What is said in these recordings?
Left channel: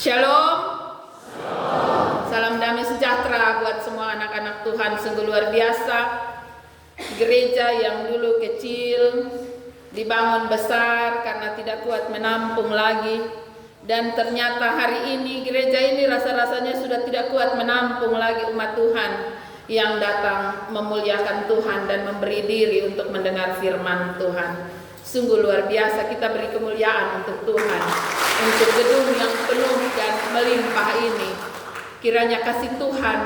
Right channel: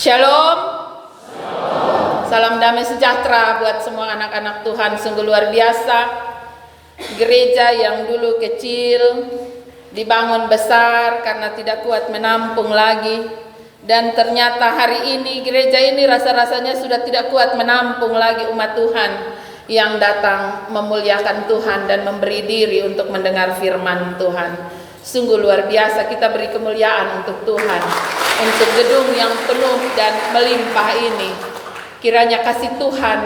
Shalom. Salam damai sejahtera buat semua anak-anak Tuhan. Sungguh luar biasa. Gereja yang dulu kecil dibangun besar karena tidak kuat menampung lagi. Dan ternyata hari ini gereja ini rasa-rasanya sudah tidak kuat menampung lagi umat Tuhan yang datang memuliakan Tuhan dan memberi diri untuk mendengar firman Tuhan. Sungguh luar biasa, kita beri kemuliaan untuk Tuhan, untuk gedung yang penuh dan melimpah ini. Kiranya kasih Tuhan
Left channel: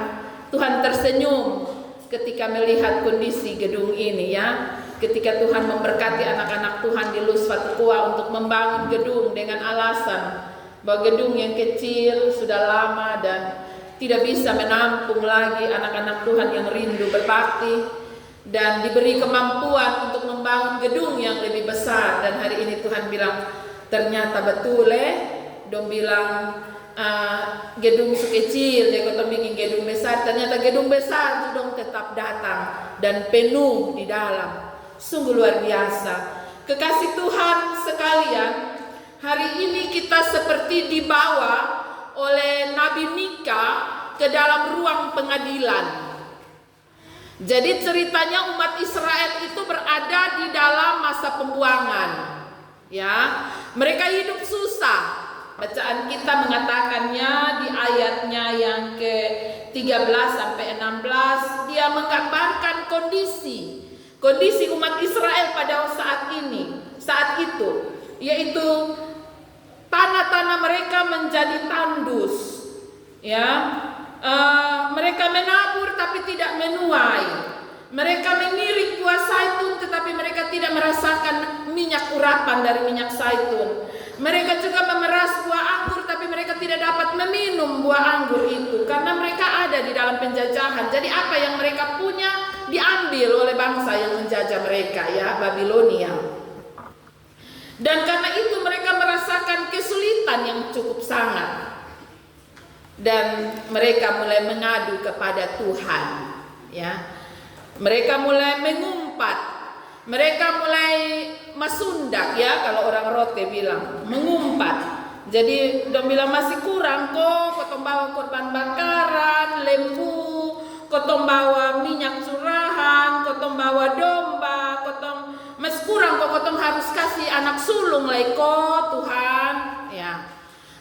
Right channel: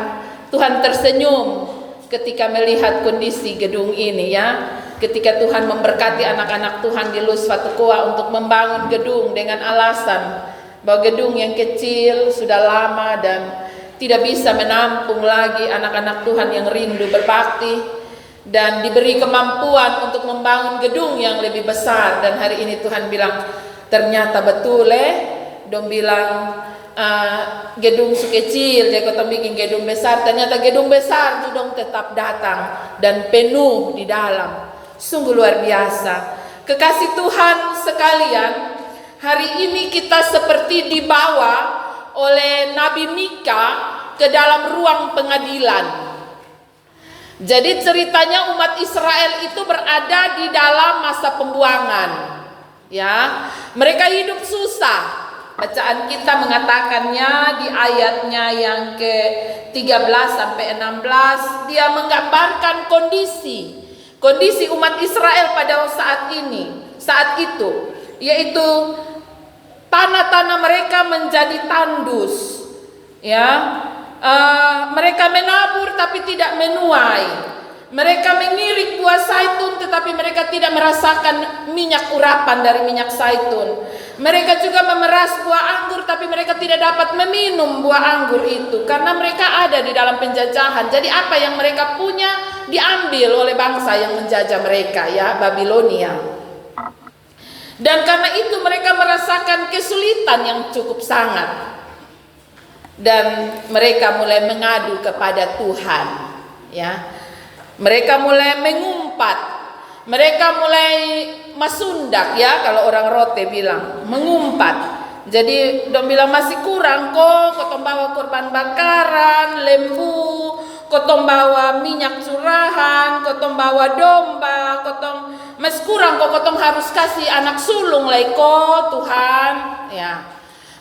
tersenyum ketika melihat kondisi gedung ini ya. Ketika Tuhan memberkati anak-anak Tuhan di Luz Fatukoa untuk membangun gedung dengan alasan bahwa gedung yang kecil sudah lama dan tidak bisa menampung lagi anak-anak Tuhan yang rindu berbakti. Dan diberi kemampuan untuk membangun gedung yang lebih besar. Dan hari ini Tuhan bilang, ternyata betul dong bilang gedung sekecil, dia kata bikin gedung besar. Ternyata gedung besar sudah tetap datang dan penuh di dalam. Sungguh luar biasa. Kekasih Tuhan sekalian, hari ini kita seperti dibawa oleh Nabi Mika ke dalam ruang pengadilan. Jadi ceritanya umat Israel itu berada di dalam masa pembuangan. Ya, mereka hidup susah. Bacaan kita mengatakannya di ayatnya yang ke-13 sampai 16, dia menggambarkan kondisi umat Israel pada saat itu, yaitu tanah-tanah mereka menjadi tandus. Ya. Mereka menabur tapi tidak menuai. Mereka mengirik buah zaitun tetapi mereka tidak merasakan minyak urapan dari minyak zaitun. Mereka juga memeras buah anggur tapi mereka tidak dapat meminum buah anggur itu karena mereka ada di dalam penjajahan. Jadi apa yang mereka punya diambil oleh bangsa yang menjajah mereka, ya, Babilonia. Dan karena itu mereka merasakan kesulitan yang cukup sangat. Dan mereka mulai mengadu kepada Tuhan, ya. Mereka mulai mengumpat, mereka mulai masundak, ya, kalau orang rote bilang mengumpat. Jadi dong bilang masih kurang kok, kotong bawa korban bakaran, lembu, kotong bawa minyak curahan, kotong bawa domba, kotong masih kurang kok, kotong harus kasih anak sulung leko Tuhan, ya.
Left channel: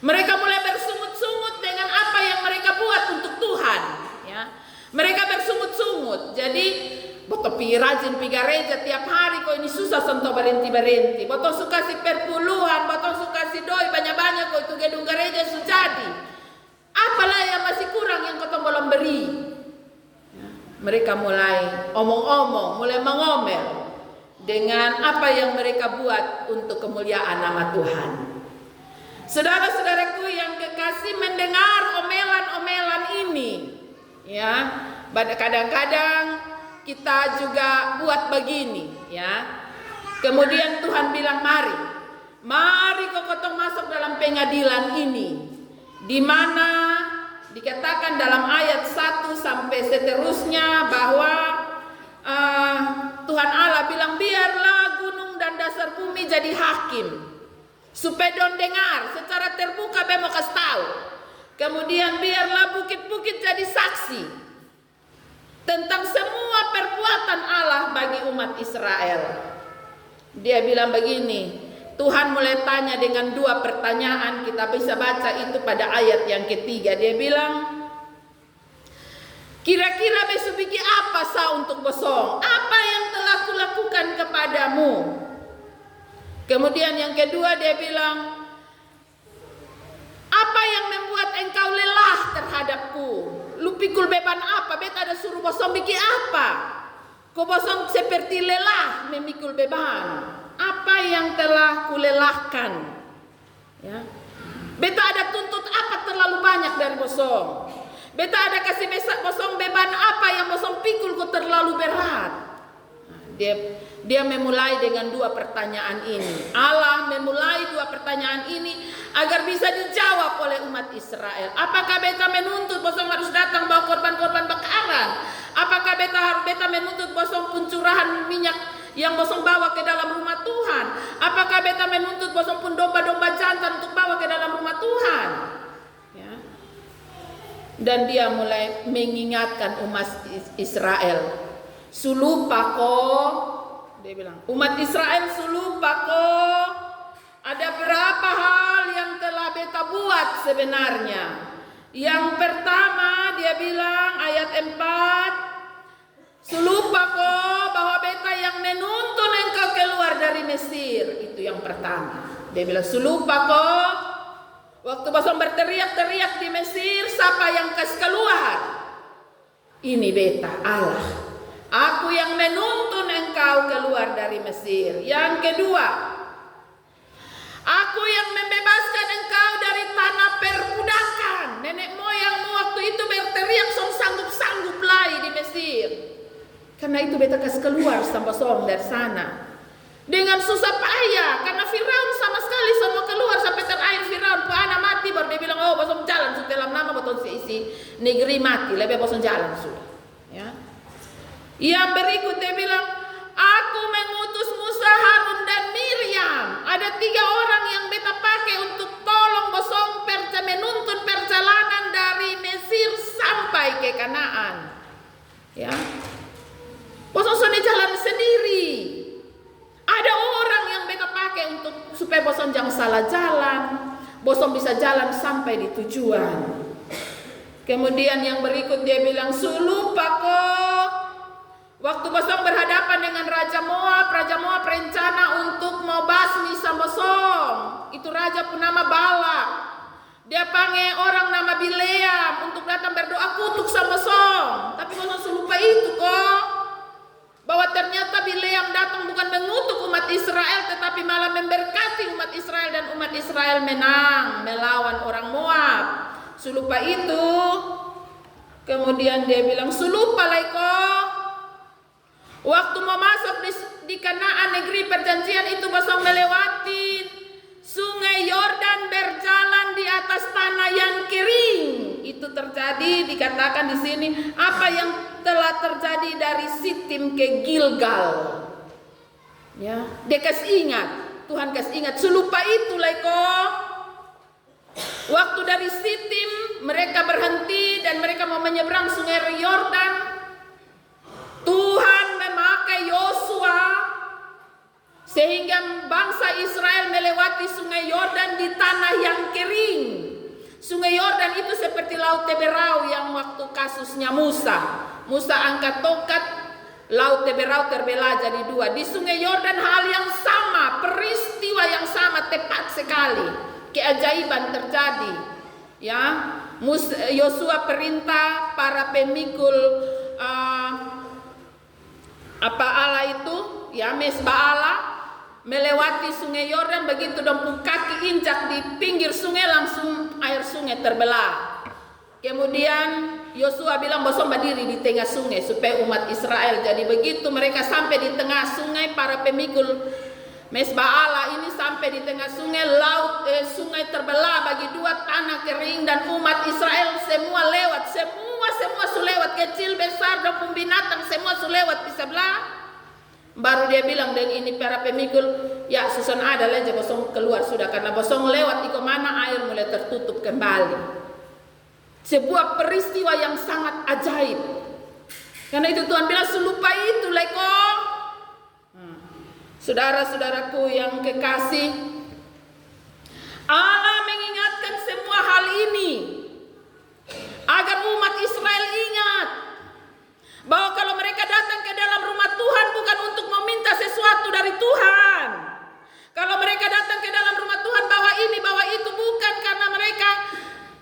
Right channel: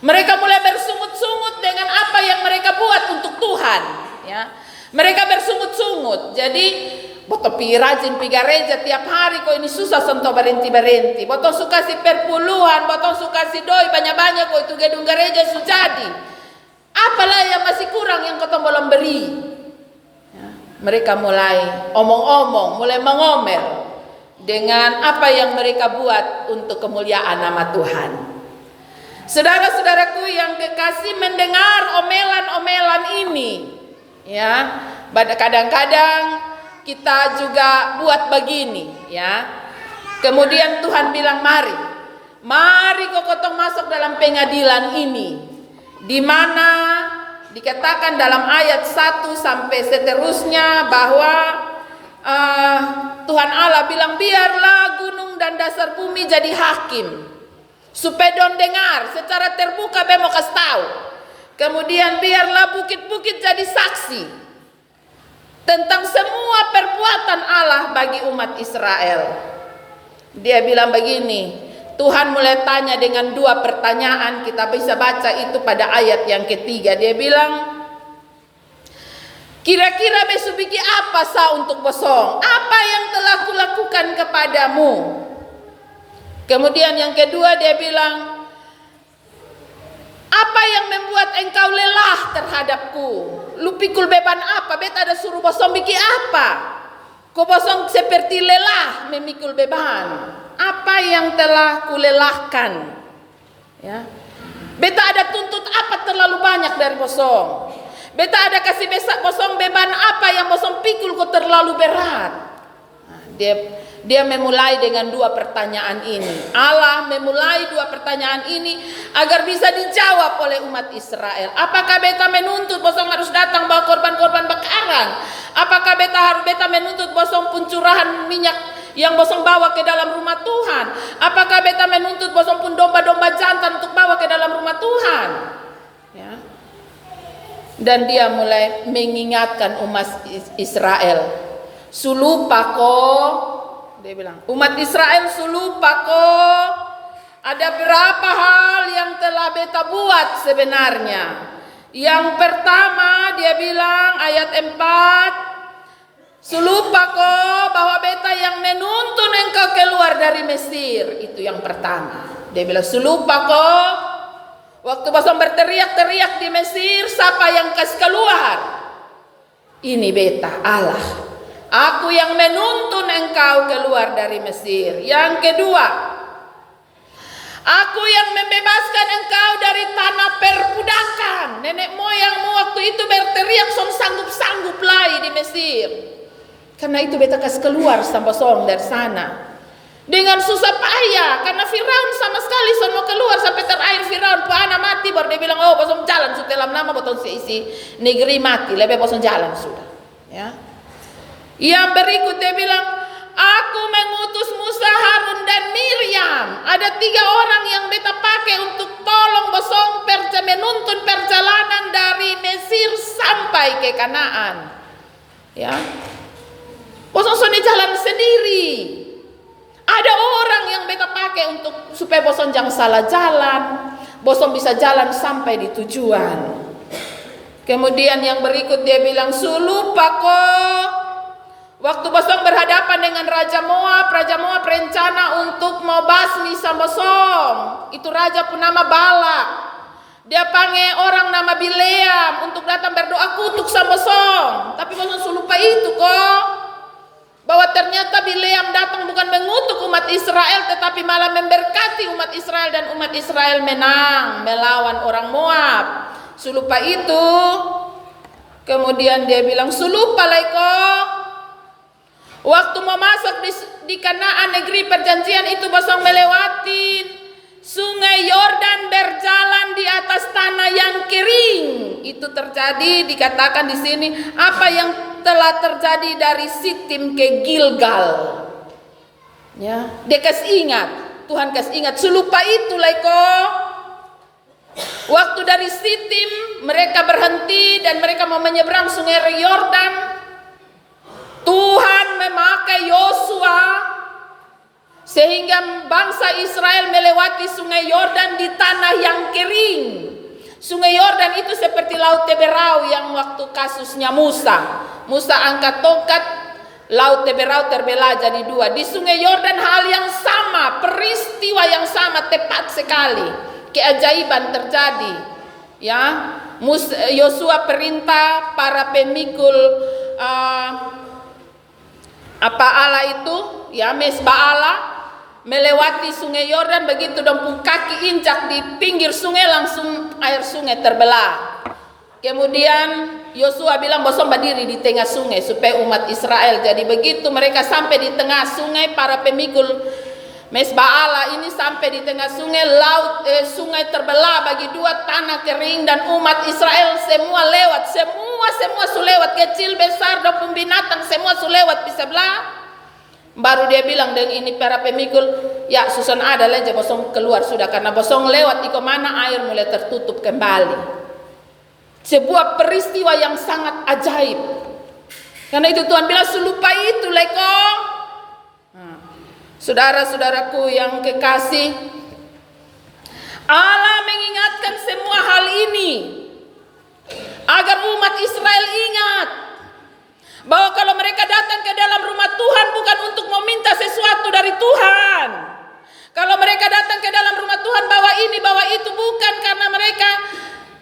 Mereka mulai bersungut-sungut dengan apa yang mereka buat untuk Tuhan, ya. Mereka bersungut-sungut. Jadi, boto pi rajin pi gereja tiap hari kok ini susah sentuh berhenti. Boto suka si perpuluhan, boto suka si doi banyak-banyak kok itu gedung gereja sudah jadi. Apalah yang masih kurang yang kotong belum beri. Ya. Mereka mulai omong-omong, mulai mengomel dengan apa yang mereka buat untuk kemuliaan nama Tuhan. Saudara-saudaraku yang kekasih, mendengar omelan-omelan ini, ya, kadang-kadang kita juga buat begini, ya. Kemudian Tuhan bilang, mari kau kotong masuk dalam pengadilan ini, di mana dikatakan dalam ayat 1 sampai seterusnya bahwa Tuhan Allah bilang, biarlah gunung dan dasar bumi jadi hakim. Supaya don dengar secara terbuka bemo kasih tahu. Kemudian biarlah bukit-bukit jadi saksi tentang semua perbuatan Allah bagi umat Israel. Dia bilang begini, Tuhan mulai tanya dengan 2 pertanyaan, kita bisa baca itu pada ayat yang ketiga. Dia bilang, kira-kira besok bikin apa sah untuk bosong? Apa yang telah kulakukan kepadamu? Kemudian yang kedua dia bilang, apa yang membuat engkau lelah terhadapku? Lu pikul beban apa? Beta ada suruh bosong bikin apa? Kau bosong seperti lelah memikul beban. Apa yang telah kulelahkan? Ya. Beta ada tuntut apa terlalu banyak dari bosong? Beta ada kasih besak bosong beban apa yang bosong pikul kau terlalu berat? Nah, dia memulai dengan 2 pertanyaan ini. Allah memulai 2 pertanyaan ini agar bisa dijawab oleh umat Israel. Apakah beta menuntut bosong harus datang bawa korban-korban bakaran? Apakah beta menuntut bosong pencurahan minyak yang bosong bawa ke dalam rumah Tuhan? Apakah beta menuntut bosong pun domba-domba jantan untuk bawa ke dalam rumah Tuhan? Dan dia mulai mengingatkan umat Israel. Sulupa ko, dia bilang, umat Israel sulupa ko. Ada berapa hal yang telah beta buat sebenarnya. Yang pertama dia bilang ayat 4, sulupa ko bahwa beta yang menuntun engkau keluar dari Mesir. Itu yang pertama. Dia bilang sulupa ko, waktu bosong berteriak-teriak di Mesir, siapa yang kasih keluar? Ini beta, Allah. Aku yang menuntun engkau keluar dari Mesir. Yang kedua, aku yang membebaskan engkau dari tanah perbudakan. Nenek moyangmu waktu itu berteriak sanggup-sanggup lagi di Mesir. Karena itu beta kasih keluar sampai dari sana. Dengan susah payah, karena Firaun sama sekali mau keluar sampai terakhir Firaun anak mati, baru dia bilang, oh bosong jalan sudah dalam nama bosong isi negeri mati, lebih bosong jalan sudah. Ya. Yang berikut dia bilang, aku mengutus Musa, Harun dan Miriam. Ada 3 orang yang beta pakai untuk tolong bosong menuntun perjalanan dari Mesir sampai ke Kanaan. Ya, bosong soni jalan sendiri. Ada orang yang beta pakai untuk supaya bosong jangan salah jalan, bosong bisa jalan sampai di tujuan. Kemudian yang berikut dia bilang sulupa ko. Waktu bosong berhadapan dengan Raja Moab berencana untuk mau basmi sama bosong. Itu raja pun nama Balak. Dia panggil orang nama Bileam untuk datang berdoa kutuk sama bosong. Tapi bosong sulupa itu kok. Bahwa ternyata Bileam datang bukan mengutuk umat Israel, tetapi malah memberkati umat Israel, dan umat Israel menang melawan orang Moab. Sulupa itu. Kemudian dia bilang sulupa laiko. Waktu mau masuk di Kanaan, negeri perjanjian itu bosong melewati sungai Yordan berjalan di atas tanah yang kering. Itu terjadi, dikatakan di sini apa yang telah terjadi dari Sitim ke Gilgal. Ya, dia kasih ingat, Tuhan kasih ingat sulupa itu laiko. Waktu dari Sitim mereka berhenti dan mereka mau menyeberang sungai Yordan. Tuhan memakai Yosua sehingga bangsa Israel melewati sungai Yordan di tanah yang kering. Sungai Yordan itu seperti Laut Teberau yang waktu kasusnya Musa. Musa angkat tongkat, Laut Teberau terbelah jadi 2. Di sungai Yordan hal yang sama, peristiwa yang sama, tepat sekali. Keajaiban terjadi. Ya, Yosua perintah para pemikul Allah itu, ya mesbah Allah, melewati sungai Yordan. Begitu dong kaki injak di pinggir sungai, langsung air sungai terbelah. Kemudian Yosua bilang bosong berdiri di tengah sungai supaya umat Israel. Jadi begitu mereka sampai di tengah sungai, para pemikul mesbah Allah ini sampai di tengah sungai, sungai terbelah bagi 2, tanah kering, dan umat Israel semua lewat, semua lewat, kecil besar dan binatang semua lewat di sebelah. Baru dia bilang dengan ini para pemikul, ya susun ada aja bosong keluar sudah, karena bosong lewat di kemana air mulai tertutup kembali. Sebuah peristiwa yang sangat ajaib. Karena itu Tuhan bilang sulupa itu leko. Saudara-saudaraku yang kekasih, Allah mengingatkan semua hal ini agar umat Israel ingat bahwa kalau mereka datang ke dalam rumah Tuhan bukan untuk meminta sesuatu dari Tuhan. Kalau mereka datang ke dalam rumah Tuhan bawa ini, bawa itu, bukan karena mereka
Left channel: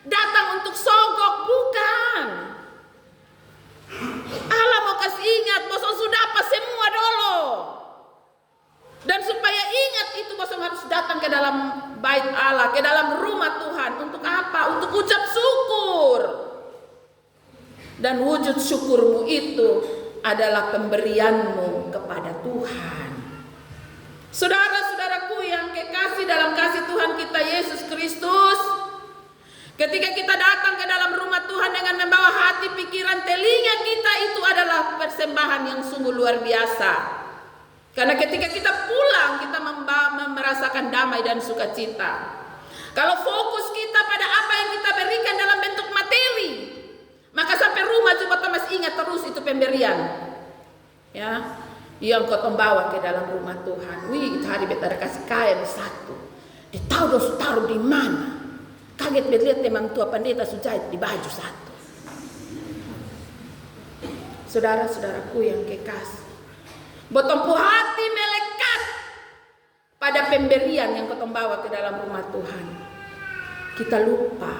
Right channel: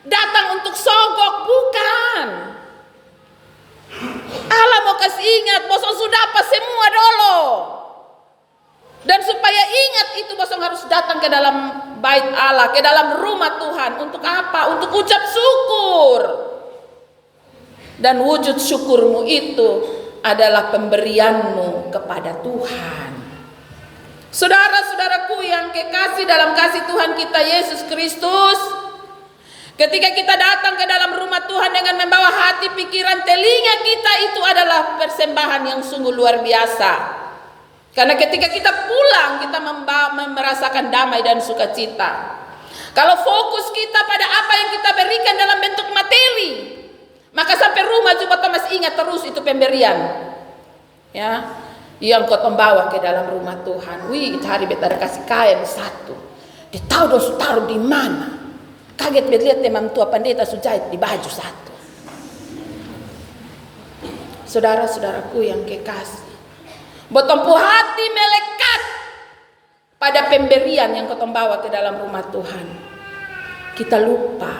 datang untuk sogok, bukan. Allah mau kasih ingat, bosong sudah apa semua dulu. Dan supaya ingat itu bosong harus datang ke dalam bait Allah, ke dalam rumah Tuhan. Untuk apa? Untuk ucap syukur. Dan wujud syukurmu itu adalah pemberianmu kepada Tuhan. Saudara-saudaraku yang kekasih dalam kasih Tuhan kita Yesus Kristus, ketika kita datang ke dalam rumah Tuhan dengan membawa hati, pikiran, telinga kita, itu adalah persembahan yang sungguh luar biasa. Karena ketika kita pulang, kita merasakan damai dan sukacita. Kalau fokus kita pada apa yang kita berikan dalam bentuk materi, Maka sampai rumah juga kita masih ingat terus itu pemberian. Ya, yang kau bawa ke dalam rumah Tuhan. Wih, hari beta ada kasih kain satu. Dia tahu dosa taruh di mana. Kaget bet lihat teman tua pendeta sujahit di baju satu. Saudara-saudaraku yang kekasih, botompu hati melekat pada pemberian yang kau bawa ke dalam rumah Tuhan. Kita lupa.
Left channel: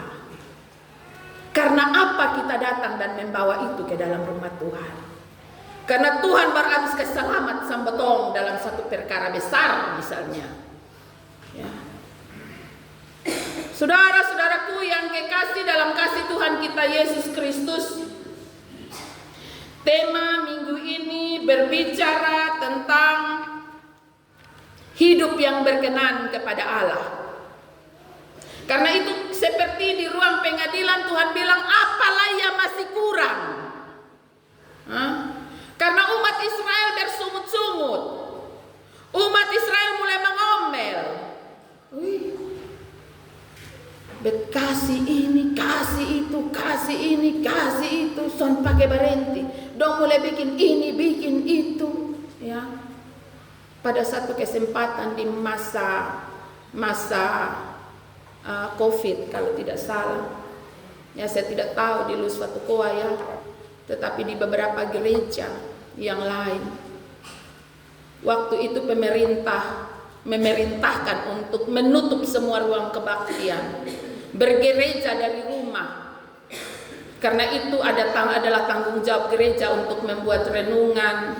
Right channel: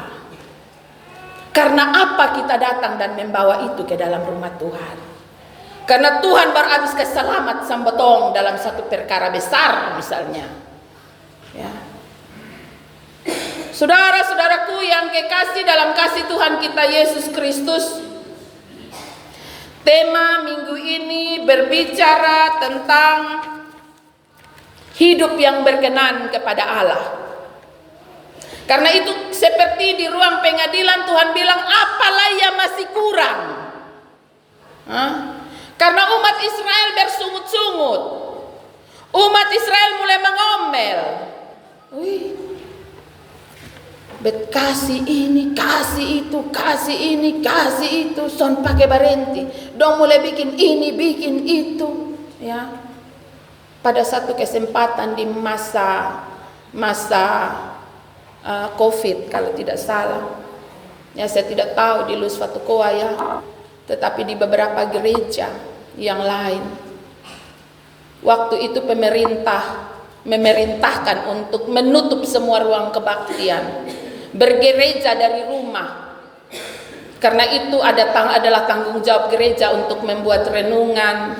Karena apa kita datang dan membawa itu ke dalam rumah Tuhan? Karena Tuhan berhabis keselamat sambotong dalam satu perkara besar misalnya. Ya. Saudara-saudaraku yang kekasih dalam kasih Tuhan kita Yesus Kristus, tema minggu ini berbicara tentang hidup yang berkenan kepada Allah. Karena itu seperti di ruang pengadilan Tuhan bilang, apalah yang masih kurang? Karena umat Israel bersungut-sungut. Umat Israel mulai mengomel. Wih, bet kasih ini, kasih itu, kasih ini, kasih itu, son pakai berhenti. Dong mulai bikin ini, bikin itu. Ya, pada satu kesempatan di masa COVID kalau tidak salah, ya saya tidak tahu di Lus Fatukoa ya, tetapi di beberapa gereja yang lain, waktu itu pemerintah memerintahkan untuk menutup semua ruang kebaktian, bergereja dari rumah, karena itu adalah tanggung jawab gereja untuk membuat renungan,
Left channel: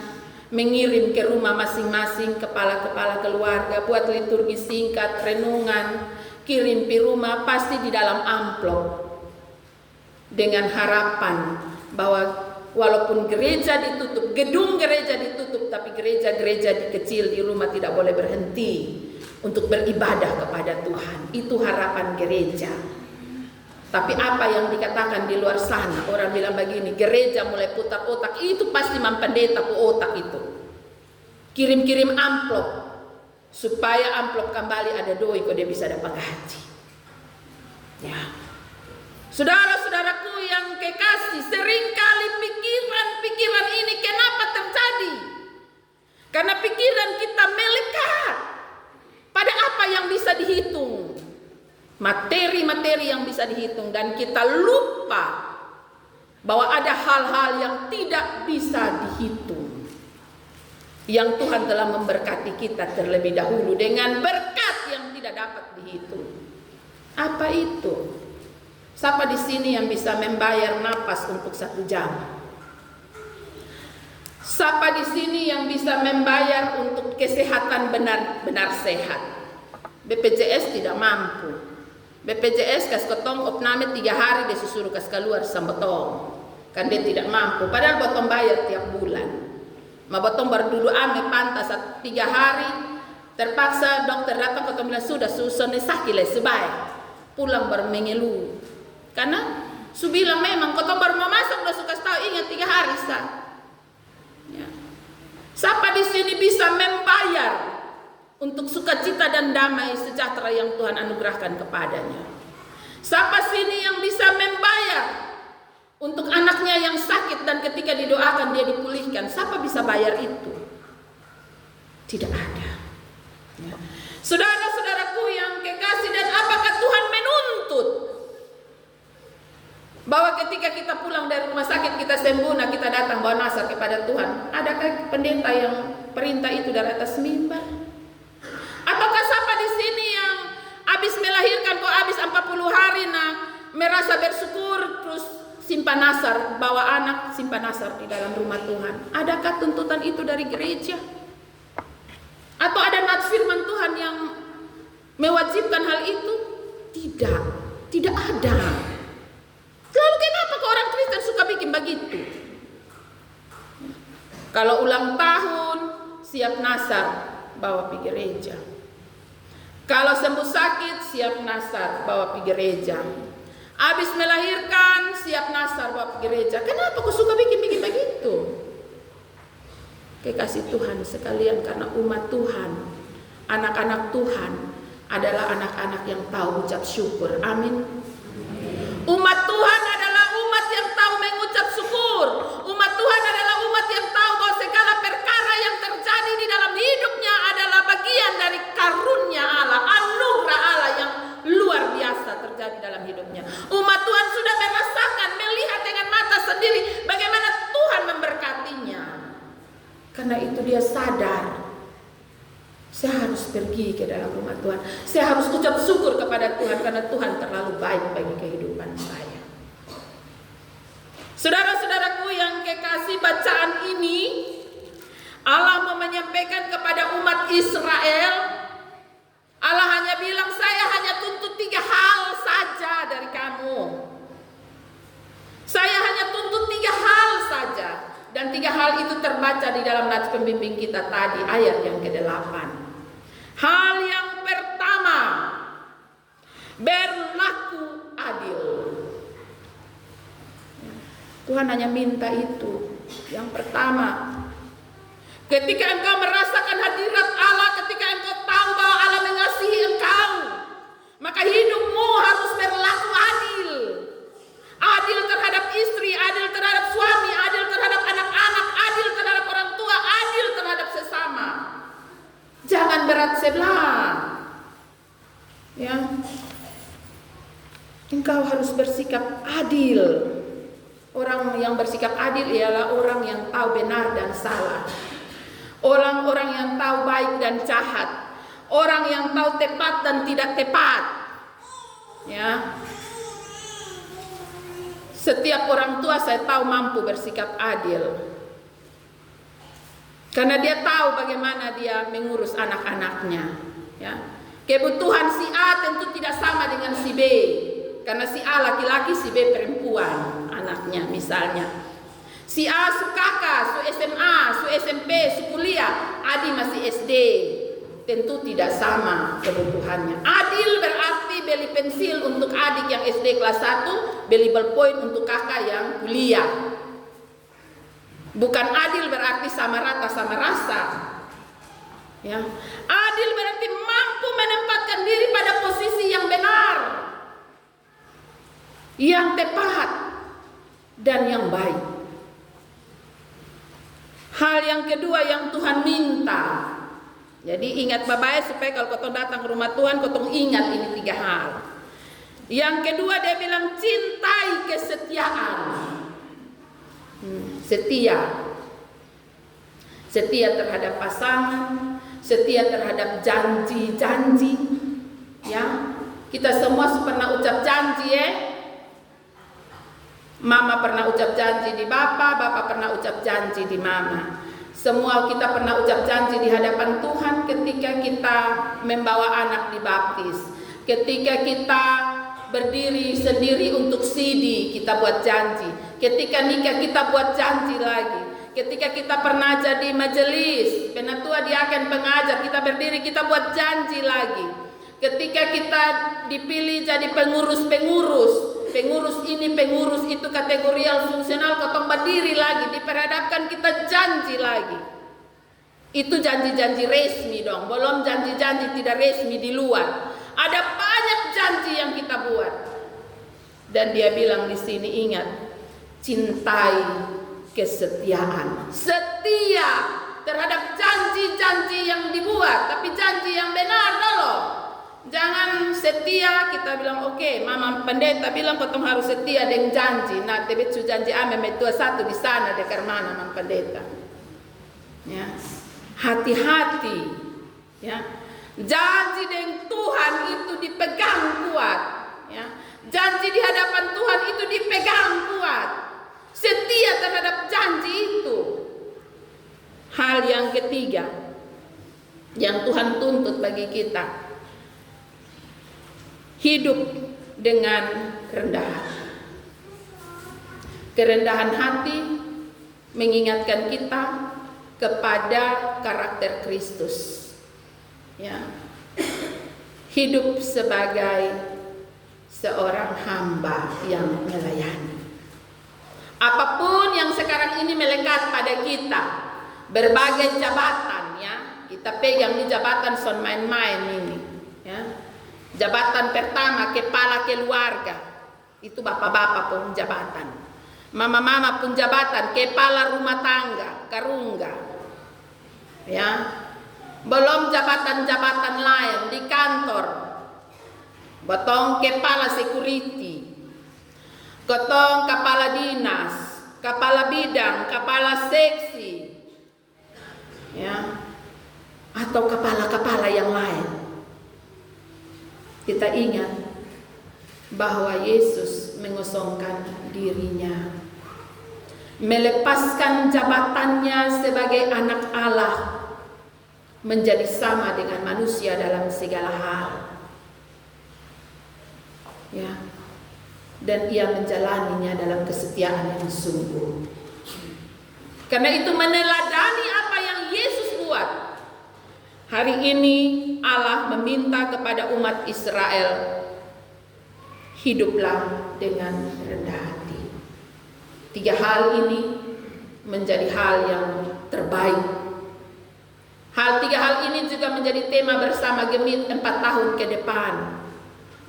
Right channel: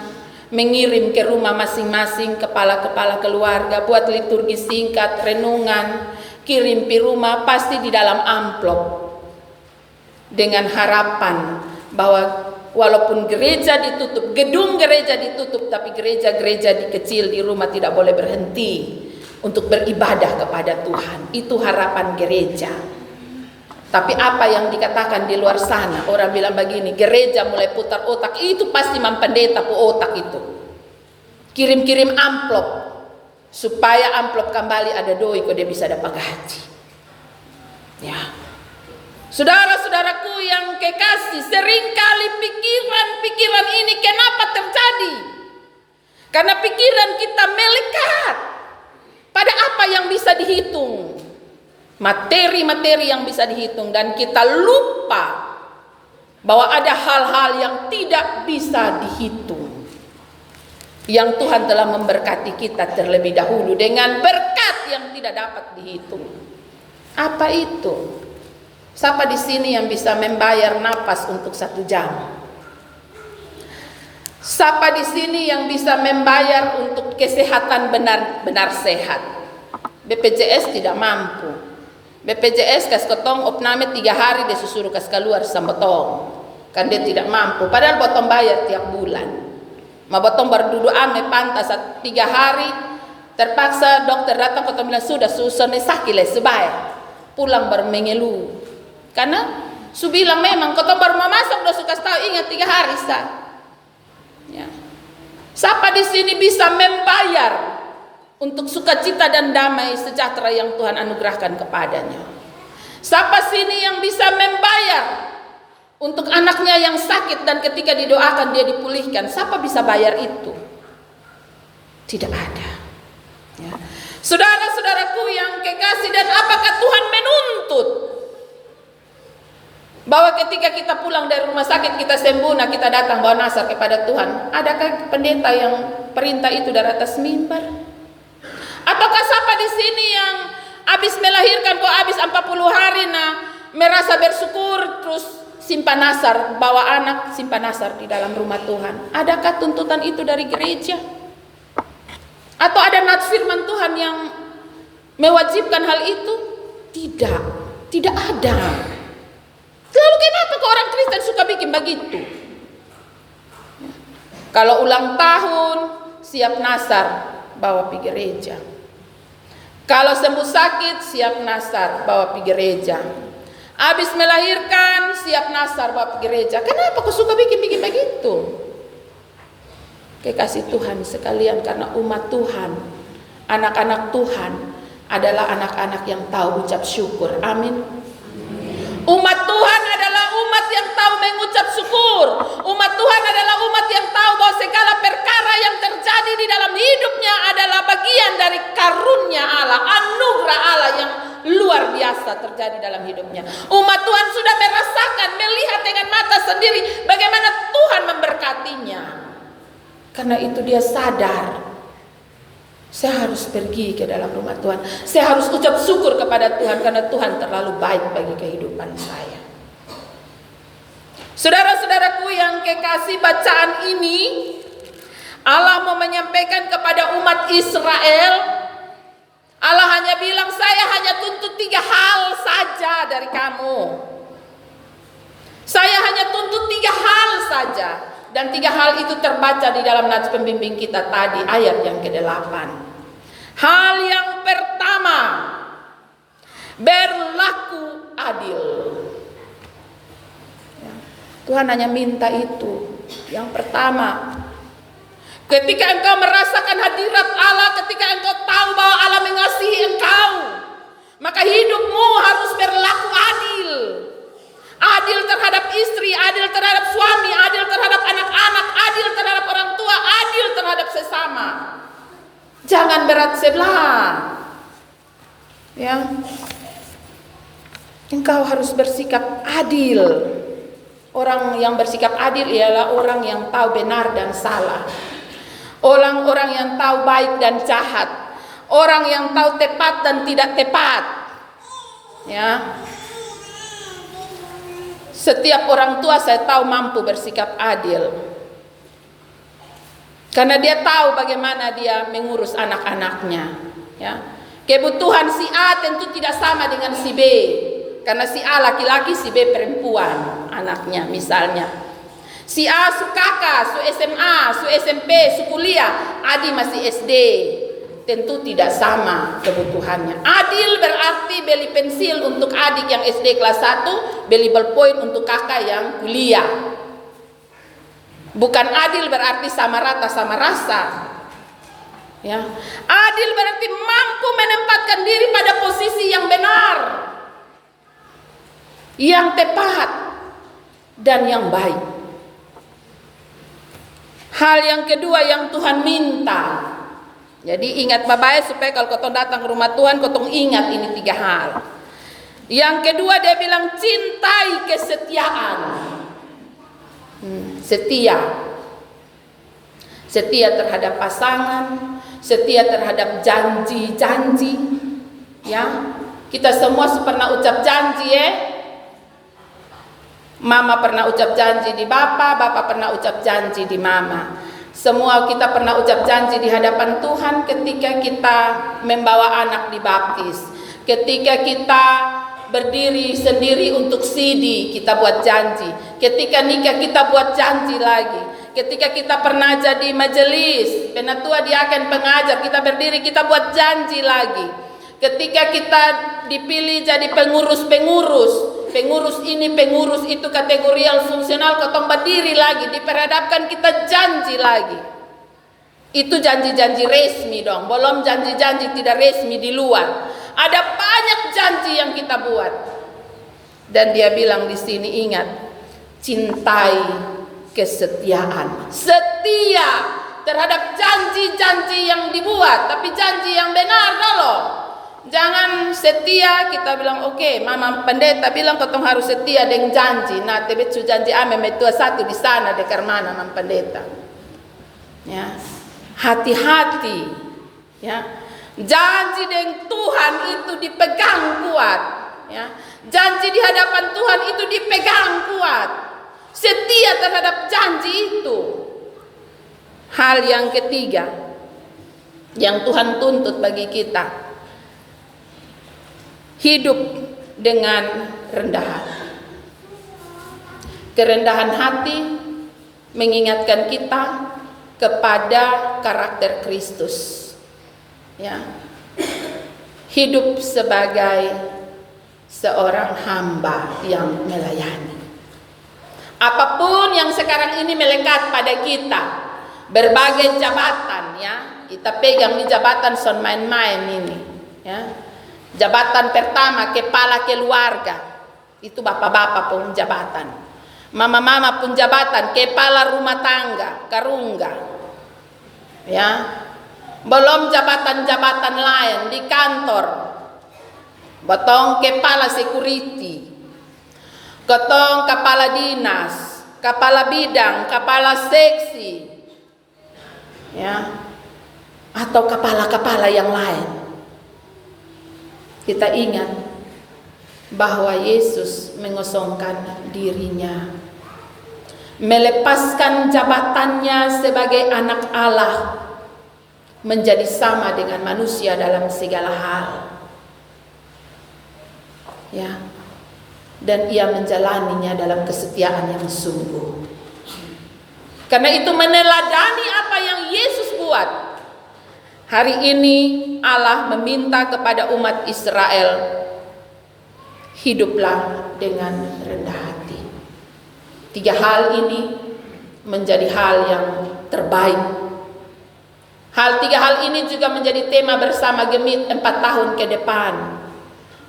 mengirim ke rumah masing-masing kepala-kepala keluarga, buat liturgi singkat, renungan, kirim di rumah pasti di dalam amplop dengan harapan bahwa walaupun gereja ditutup, gedung gereja ditutup, tapi gereja-gereja di kecil di rumah tidak boleh berhenti untuk beribadah kepada Tuhan. Itu harapan gereja. Tapi apa yang dikatakan di luar sana, orang bilang begini, gereja mulai putar otak, itu pasti pendeta pu otak itu. Kirim-kirim amplop supaya amplop kembali ada doi kok dia bisa dapat gaji. Ya. Saudara-saudaraku yang kekasih, seringkali pikiran-pikiran ini kenapa terjadi? Karena pikiran kita melekat pada apa yang bisa dihitung. Materi-materi yang bisa dihitung, dan kita lupa bahwa ada hal-hal yang tidak bisa dihitung. Yang Tuhan telah memberkati kita terlebih dahulu dengan berkat yang tidak dapat dihitung. Apa itu? Siapa di sini yang bisa membayar napas untuk 1 jam? Siapa di sini yang bisa membayar untuk kesehatan benar-benar sehat? BPJS tidak mampu. BPJS kas ketong opname 3 hari dia suruh kas keluar sambotong. Kan dia tidak mampu. Padahal botong bayar tiap bulan. Ma botong berduduk ame pantas 3 hari. Terpaksa dokter datang ketong bilang sudah susone sakile sebaik. Pulang bermengeluh. Karena su bilang memang ketong baru mau masuk udah suka tahu ingat 3 hari sah. Ya. Siapa di sini bisa membayar untuk sukacita dan damai sejahtera yang Tuhan anugerahkan kepadanya? Siapa sini yang bisa membayar untuk anaknya yang sakit dan ketika didoakan dia dipulihkan? Siapa bisa bayar itu? Tidak ada. Ya. Saudara-saudaraku yang kekasih, dan apakah Tuhan menuntut bahwa ketika kita pulang dari rumah sakit kita sembuh, nah kita datang bawa nasar kepada Tuhan? Adakah pendeta yang perintah itu dari atas mimbar? Ataukah siapa di sini yang habis melahirkan kok habis 40 hari nah merasa bersyukur terus simpan nasar, bawa anak simpan nasar di dalam rumah Tuhan? Adakah tuntutan itu dari gereja? Atau ada nats firman Tuhan yang mewajibkan hal itu? Tidak, tidak ada. Lalu kenapa kok orang Kristen suka bikin begitu? Kalau ulang tahun siap nasar bawa pergi gereja. Kalau sembuh sakit siap nasar bawa pergi gereja. Habis melahirkan siap nasar bawa pergi gereja. Kenapa kok suka bikin begitu? Kekasih Tuhan sekalian, karena umat Tuhan, anak-anak Tuhan adalah anak-anak yang tahu ucap syukur. Amin. Umat Tuhan adalah umat yang tahu mengucap syukur. Umat Tuhan adalah umat yang tahu bahwa segala perkara yang terjadi di dalam hidupnya adalah bagian dari karunia Allah, anugerah Allah yang luar biasa terjadi dalam hidupnya. Umat Tuhan sudah merasakan, melihat dengan mata sendiri bagaimana Tuhan memberkatinya. Karena itu dia sadar, saya harus pergi ke dalam rumah Tuhan. Saya harus ucap syukur kepada Tuhan karena Tuhan terlalu baik bagi kehidupan saya. Saudara-saudaraku yang kekasih, bacaan ini Allah mau menyampaikan kepada umat Israel. Allah hanya bilang, saya hanya tuntut 3 hal saja dari kamu. Saya hanya tuntut 3 hal saja. Dan 3 hal itu terbaca di dalam nats pembimbing kita tadi, ayat yang ke-8. Hal yang pertama, berlaku adil. Ya, Tuhan hanya minta itu. Yang pertama, ketika engkau merasakan hadirat Allah, ketika engkau tahu bahwa Allah mengasihi engkau, maka hidupmu harus berlaku adil. Adil terhadap istri, adil terhadap suami, adil terhadap anak-anak, adil terhadap orang tua, adil terhadap sesama. Jangan berat sebelah. Ya. Engkau harus bersikap adil. Orang yang bersikap adil ialah orang yang tahu benar dan salah. Orang-orang yang tahu baik dan jahat. Orang yang tahu tepat dan tidak tepat. Ya. Setiap orang tua saya tahu mampu bersikap adil. Karena dia tahu bagaimana dia mengurus anak-anaknya. Ya. Kebutuhan si A tentu tidak sama dengan si B. Karena si A laki-laki, si B perempuan anaknya misalnya. Si A su kakak, su SMA, su SMP, su kuliah, Adi masih SD. Tentu tidak sama kebutuhannya. Adil berarti beli pensil untuk adik yang SD kelas 1, beli ballpoint untuk kakak yang kuliah. Bukan adil berarti sama rata sama rasa. Ya. Adil berarti mampu menempatkan diri pada posisi yang benar, yang tepat, dan yang baik. Hal yang kedua yang Tuhan minta. Jadi ingat bapak supaya kalau kau datang ke rumah Tuhan kau ingat ini 3 hal. Yang kedua dia bilang cintai kesetiaan. Setia. Setia terhadap pasangan, setia terhadap janji-janji. Ya. Kita semua pernah ucap janji ya. Mama pernah ucap janji di bapak, bapak pernah ucap janji di mama. Semua kita pernah ucap janji di hadapan Tuhan ketika kita membawa anak dibaptis. Ketika kita berdiri sendiri untuk CD, kita buat janji. Ketika nikah kita buat janji lagi. Ketika kita pernah jadi majelis, penatua diaken pengajar, kita berdiri kita buat janji lagi. Ketika kita dipilih jadi pengurus ini, pengurus itu kategorial fungsional, ketong berdiri lagi, diperhadapkan kita janji lagi. Itu janji-janji resmi dong, belum janji-janji tidak resmi di luar. Ada banyak janji yang kita buat. Dan dia bilang di sini ingat, cintai kesetiaan. Setia terhadap janji-janji yang dibuat, tapi janji yang benar loh. Jangan setia kita bilang oke, mama pendeta bilang kotong harus setia dengan janji. Nah, tebet su janji ame metua satu di sana dekar mana mam pendeta. Ya. Hati-hati. Ya. Janji dengan Tuhan itu dipegang kuat, ya. Janji di hadapan Tuhan itu dipegang kuat. Setia terhadap janji itu. Hal yang ketiga yang Tuhan tuntut bagi kita, hidup dengan rendah hati. Kerendahan hati mengingatkan kita kepada karakter Kristus. Ya. Hidup sebagai seorang hamba yang melayani. Apapun yang sekarang ini melekat pada kita, berbagai jabatan ya, kita pegang di jabatan son main-main ini, ya. Jabatan pertama kepala keluarga, itu bapak-bapak pun jabatan. mama-mama pun jabatan, kepala rumah tangga, karungga. Ya. Belum jabatan-jabatan lain di kantor. Botong kepala security, ketong kepala dinas, kepala bidang, kepala seksi, ya, atau kepala-kepala yang lain. Kita ingat bahwa Yesus mengosongkan dirinya, melepaskan jabatannya sebagai anak Allah, menjadi sama dengan manusia dalam segala hal. Ya, dan ia menjalaninya dalam kesetiaan yang sungguh. Karena itu meneladani apa yang Yesus buat. Hari ini Allah meminta kepada umat Israel, hiduplah dengan rendah hati. 3 hal ini menjadi hal yang terbaik. 3 hal ini juga menjadi tema bersama Gemit 4 tahun ke depan.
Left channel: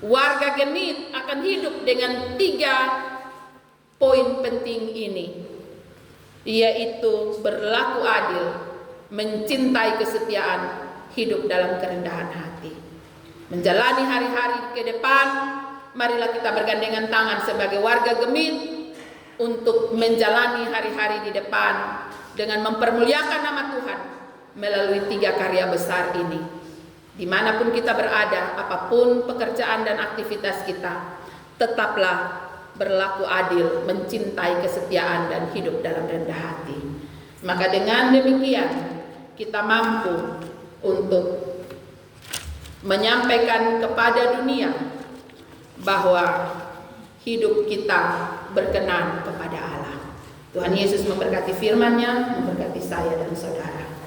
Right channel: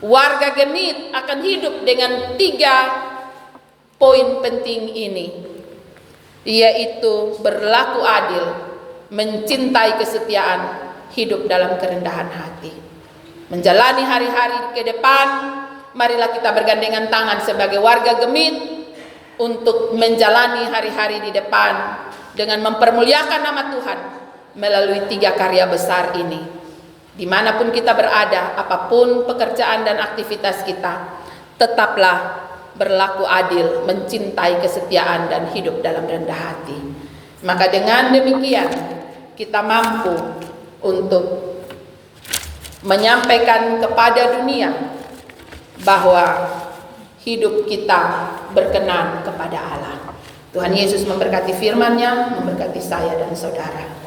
Warga Gemit akan hidup dengan 3 poin penting ini, yaitu berlaku adil, mencintai kesetiaan, hidup dalam kerendahan hati. Menjalani hari-hari ke depan, marilah kita bergandengan tangan sebagai warga Gemit untuk menjalani hari-hari di depan dengan mempermuliakan nama Tuhan melalui 3 karya besar ini. Dimanapun kita berada, apapun pekerjaan dan aktivitas kita, tetaplah berlaku adil, mencintai kesetiaan, dan hidup dalam rendah hati. Maka dengan demikian, kita mampu untuk menyampaikan kepada dunia bahwa hidup kita berkenan kepada Allah. Tuhan Yesus memberkati firman-Nya, memberkati saya dan saudara.